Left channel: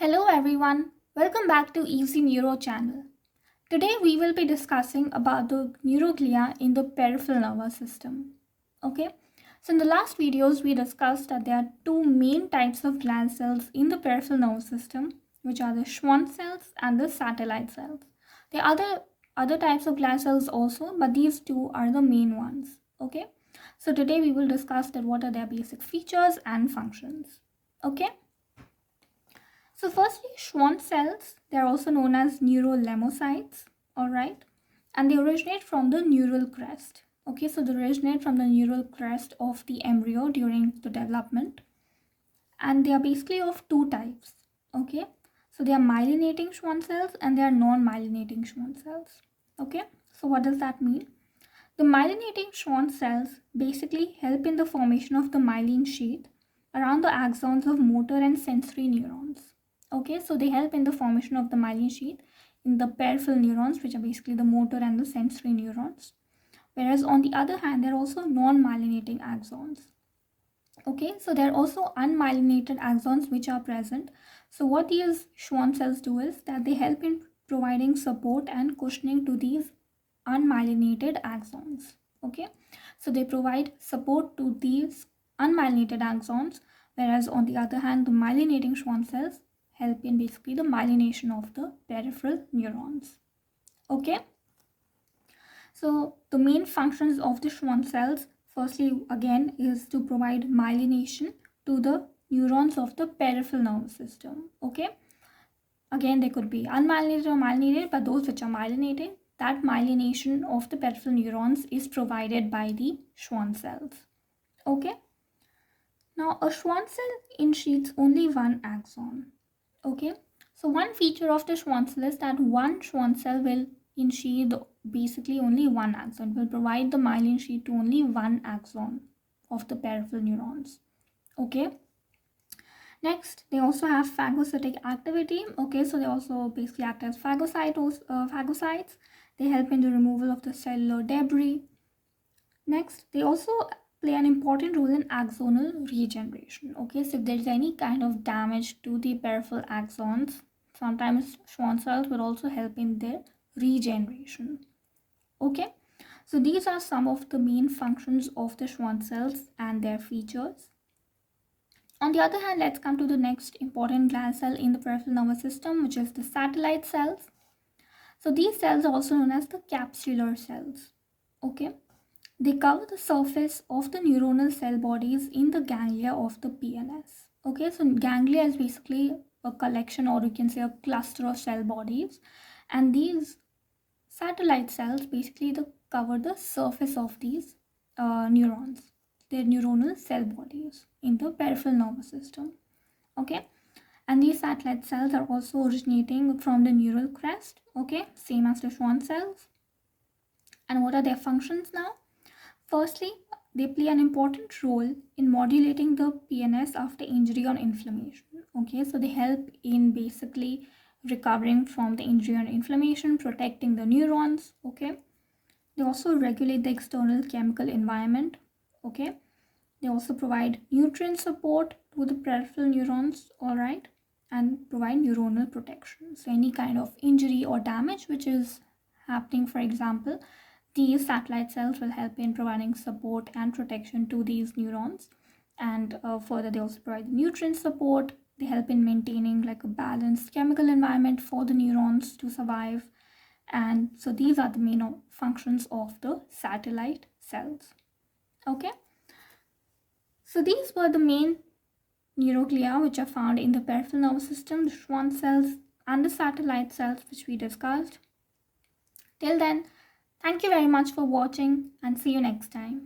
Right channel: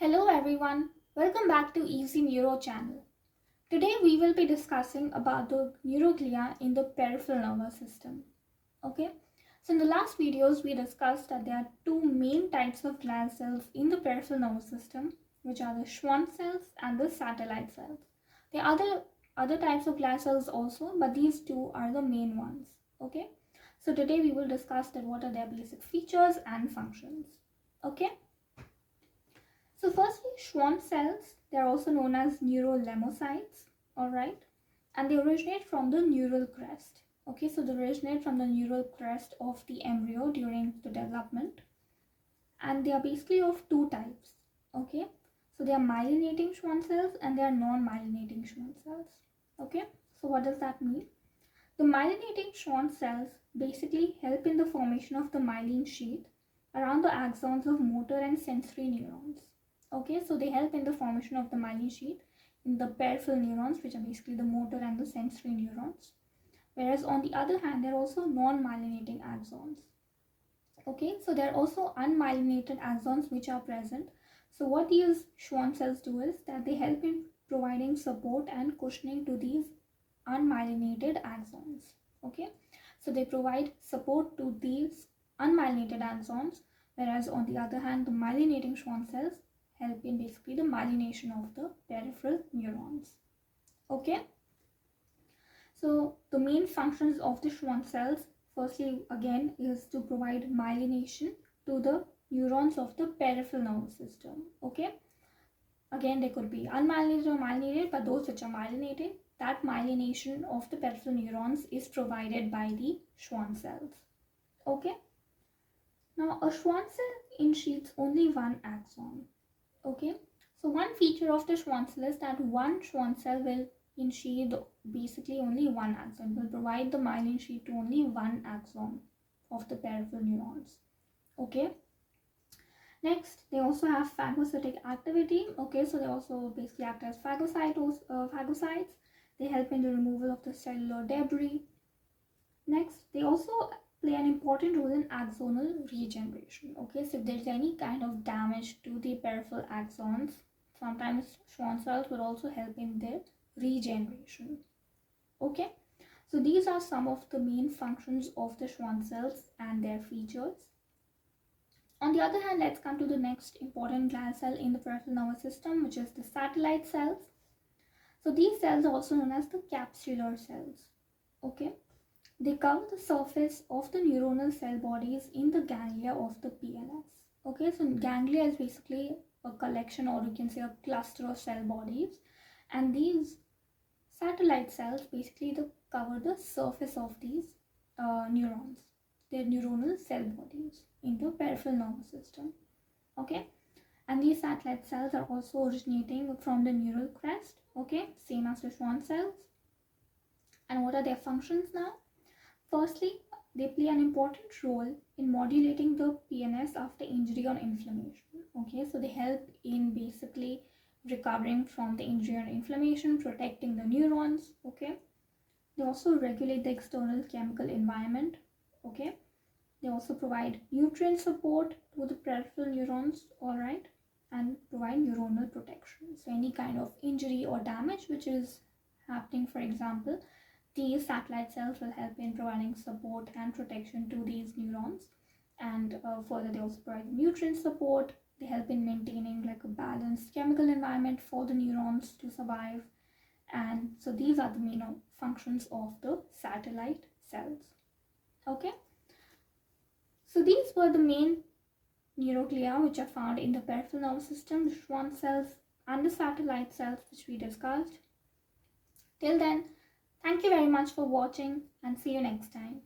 Hello everyone, welcome back to Easy Neuro channel. Today we will be discussing about the neuroglia in the peripheral nervous system. Okay, so in the last videos we discussed that there are two main types of glial cells in the peripheral nervous system, which are the Schwann cells and the satellite cells. There are other types of glial cells also, but these two are the main ones. Okay, so today we will discuss that what are their basic features and functions. Okay. So firstly, Schwann cells, they're also known as neurolemocytes, alright, and they originate from the neural crest. Okay, so they originate from the neural crest of the embryo during the development, and they are basically of two types. Okay, so they are myelinating Schwann cells and they are non-myelinating Schwann cells. Okay, so what does that mean? The myelinating Schwann cells basically help in the formation of the myelin sheath around the axons of motor and sensory neurons. Okay, so they help in the formation of the myelin sheath in the peripheral neurons, which are basically the motor and the sensory neurons. Whereas on the other hand, they're also non-myelinating axons. Okay, so there are also unmyelinated axons which are present. So what these Schwann cells do is that they help in providing support and cushioning to these unmyelinated axons. Okay, so they provide support to these unmyelinated axons, whereas on the other hand, the myelinating Schwann cells help in basically the myelination of the peripheral neurons. Okay, so the main functions of the Schwann cells, firstly again, is to provide myelination to the neurons of the peripheral nervous system. Okay, again they could be unmyelinated or myelinated, but those which are myelinated, that myelination of the peripheral neurons is provided by the Schwann cells. Okay, now a Schwann cell ensheaths only one axon. Okay, so one feature of the Schwann cell is that one Schwann cell will ensheath basically only one axon, will provide the myelin sheath to only one axon of the peripheral neurons. Okay, next they also have phagocytic activity. Okay, so they also basically act as phagocytes. They help in the removal of the cellular debris. Next, they also play an important role in axonal regeneration. Okay, so if there's any kind of damage to the peripheral axons, sometimes Schwann cells will also help in their regeneration. Okay, so these are some of the main functions of the Schwann cells and their features. On the other hand, let's come to the next important glial cell in the peripheral nervous system, which is the satellite cells. So these cells are also known as the capsular cells. Okay, they cover the surface of the neuronal cell bodies in the ganglia of the PNS. Okay, so ganglia is basically a collection, or you can say a cluster of cell bodies, and these satellite cells basically cover the surface of these neurons, their neuronal cell bodies in the peripheral nervous system. Okay, and these satellite cells are also originating from the neural crest. Okay, same as the Schwann cells. And what are their functions now? Firstly, they play an important role in modulating the PNS after injury or inflammation. Okay, so they help in basically recovering from the injury or inflammation, protecting the neurons. Okay, they also regulate the external chemical environment. Okay, they also provide nutrient support to the peripheral neurons, all right, and provide neuronal protection. So any kind of injury or damage which is happening, for example, these satellite cells will help in providing support and protection to these neurons. And further, they also provide nutrient support. They help in maintaining like a balanced chemical environment for the neurons to survive. And so these are the main functions of the satellite cells. Okay, so these were the main neuroglia which are found in the peripheral nervous system, the Schwann cells and the satellite cells which we discussed. Till then, thank you very much for watching and see you next time.